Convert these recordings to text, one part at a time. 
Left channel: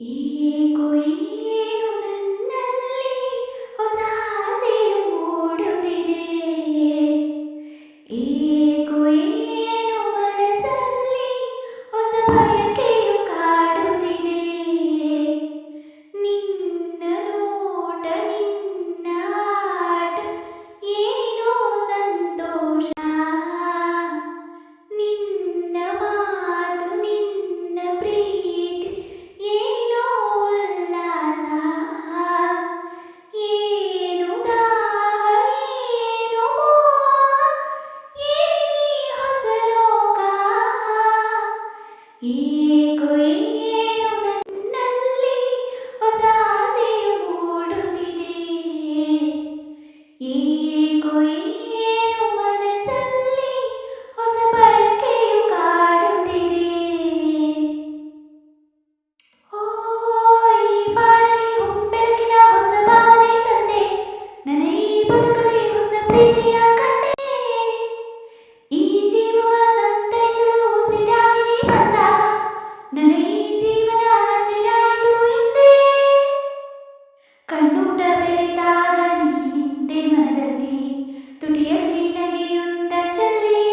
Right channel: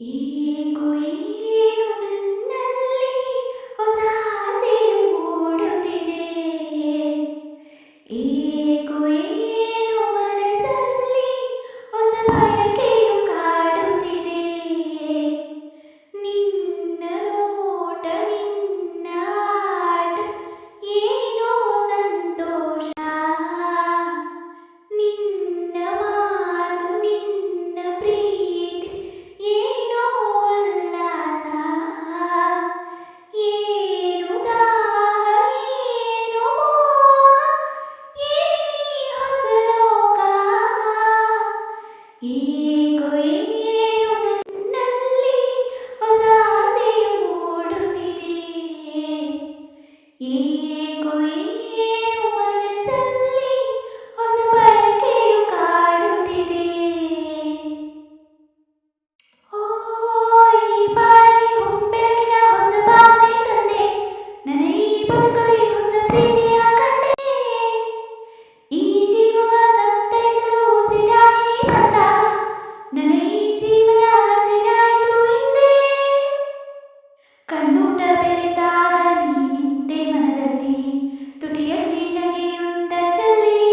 ಏಕೋ ಏನು ನನ್ನಲ್ಲಿ ಹೊಸ ಆಸೆಯು ಮೂಡುತ್ತಿದೆ. ಏಕೋ ಏನು ಮನಸ್ಸಲ್ಲಿ ಹೊಸ ಬಯಕೆಯು ಕಾಡುತ್ತಿದೆ. ನಿನ್ನ ನೋಟ ನಿನ್ನ ಆಟ ಏನೋ ಸಂತೋಷ. ನಿನ್ನ ಮಾತು ನಿನ್ನ ಪ್ರೀತಿ ಏನೋ ಉಲ್ಲಾಸ. ಏನು ದಾಹ ಏನು ಮೋಹ ಏನಿ ಹೊಸ ಲೋಕ. ಏಕೋ ಏನು ನನ್ನಲ್ಲಿ ಹೊಸ ಆಸೆಯು ಮೂಡುತ್ತಿದೆ. ಏಕೋ ಏನು ಮನಸ್ಸಲ್ಲಿ ಹೊಸ ಬಯಕೆಯು ಕಾಡುತ್ತಿದೆ. ಓ ಈ ಬಾಳಲಿ ಹೊಂಬೆಳಕಿನ ಹೊಸ ಭಾವನೆ ತಂದೆ. ನನ್ನ ಈ ಬದುಕಲಿ ಹೊಸ ಪ್ರೀತಿಯ ಕಂಡೆ. ಈ ಜೀವವ ಸಂತೈಸಲು ಉಸಿರಾಗಿ ನೀ ಬಂದಾಗ ನನ್ನ ಈ ಜೀವನ ಹಸಿರಾಯಿತು ಹಿಂದೆ. ಕಣ್ಣೂಟ ಬೆರೆತಾಗ ನೀ ನಿಂತೆ ಮನದಲ್ಲಿ, ತುಟಿಯಲ್ಲಿ ನಗೆಯೊಂದ ಚೆಲ್ಲಿ.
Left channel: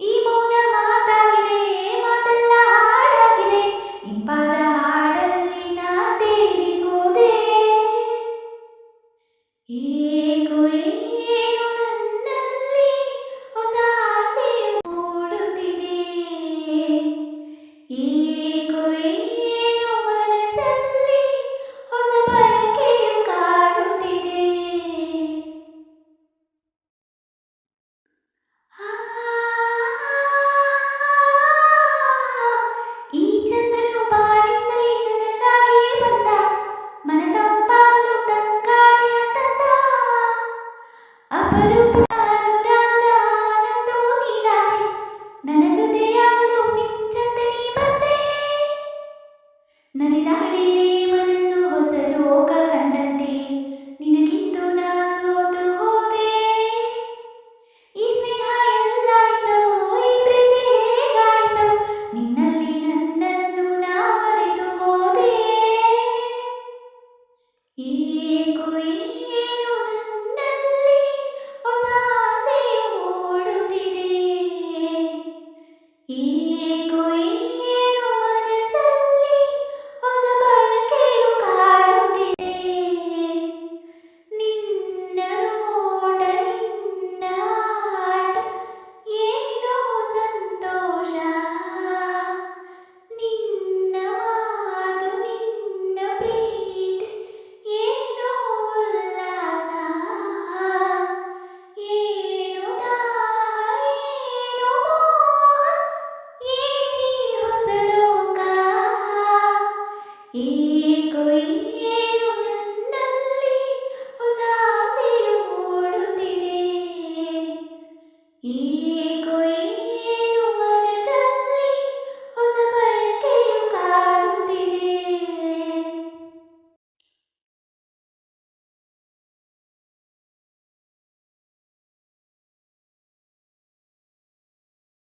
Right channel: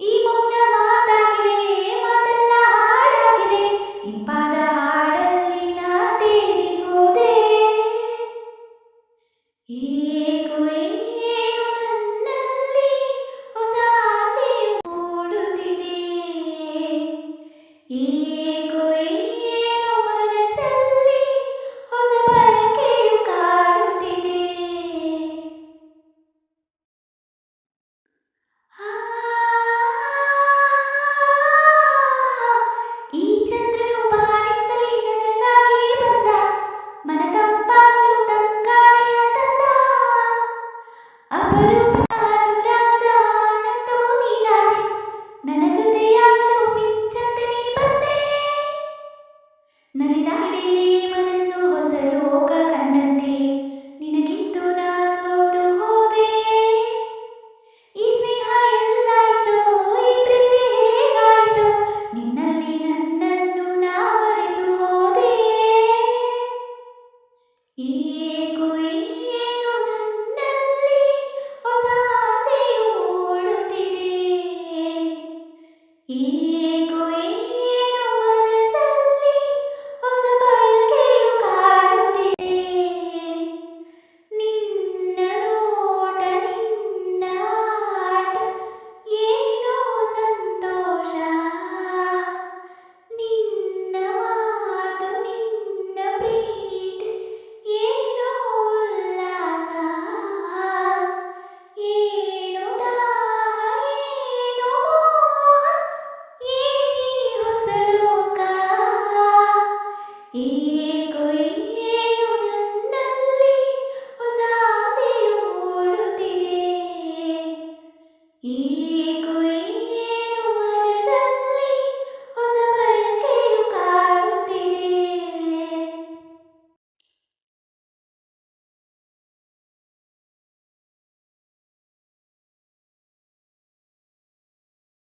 ಈ ಮೌನ ಮಾತಾಗಿದೆ, ಮಾತೆಲ್ಲ ಹಾಡಾಗಿದೆ. ಇಂಪಾದ ಹಾಡಲ್ಲಿ ನಾ ತೇಲಿ ಹೋದೆ. ಏಕೋ ಏನು ನನ್ನಲ್ಲಿ ಹೊಸ ಆಸೆಯು ಮೂಡುತ್ತಿದೆ. ಏಕೋ ಏನು ಮನಸ್ಸಲ್ಲಿ ಹೊಸ ಬಯಕೆಯು ಕಾಡುತ್ತಿದೆ. ಈ ಚಂದ್ರನು ಬಾನಿಂದಲೇ ನನಗಾಗಿಯೇ ಬಂದ. ಮನ ತಂಪಾಗಲು ತಂಗಾಳಿಯ ತಂದ. ಅಪರೂಪದ ಅನುರಾಗದ ಆನಂದವೂ ನೀನಾದೆ. ನನ್ನ ಜೊತೆಯಾಗಲು ಮಿಂಚಂತೆ ನೀ ಬಂದೆ. ನಲಿದಾಡಿದೆ ಮನಸ್ಸು ಹೊಸ ಲೋಕ ಕಂಡಂತೆ. ನಿನಗಿಂದು ನಾ ಸೋತು ಹೋದೆ. ಈ ಸ್ನೇಹ ಎಲ್ಲಾಯಿತೋ, ಈ ಪ್ರೀತಿ ಹೇಗಾಯಿತೋ, ನಿನ್ನಲ್ಲಿ ನನ್ನನ್ನು ನಾ ಮರೆತು ಹೋದೆ. ಏಕೋ ಏನು ನನ್ನಲ್ಲಿ ಹೊಸ ಆಸೆಯು ಮೂಡುತ್ತಿದೆ. ಏಕೋ ಏನು ಮನಸ್ಸಲ್ಲಿ ಹೊಸ ಬಯಕೆಯು ಕಾಡುತ್ತಿದೆ. ನಿನ್ನ ನೋಟ ನಿನ್ನ ಆಟ ಏನೋ ಸಂತೋಷ. ನಿನ್ನ ಮಾತು ನಿನ್ನ ಪ್ರೀತಿ ಏನೋ ಉಲ್ಲಾಸ. ಏನು ದಾಹ ಏನು ಮೋಹ ಏನಿ ಹೊಸ ಲೋಕ. ಏಕೋ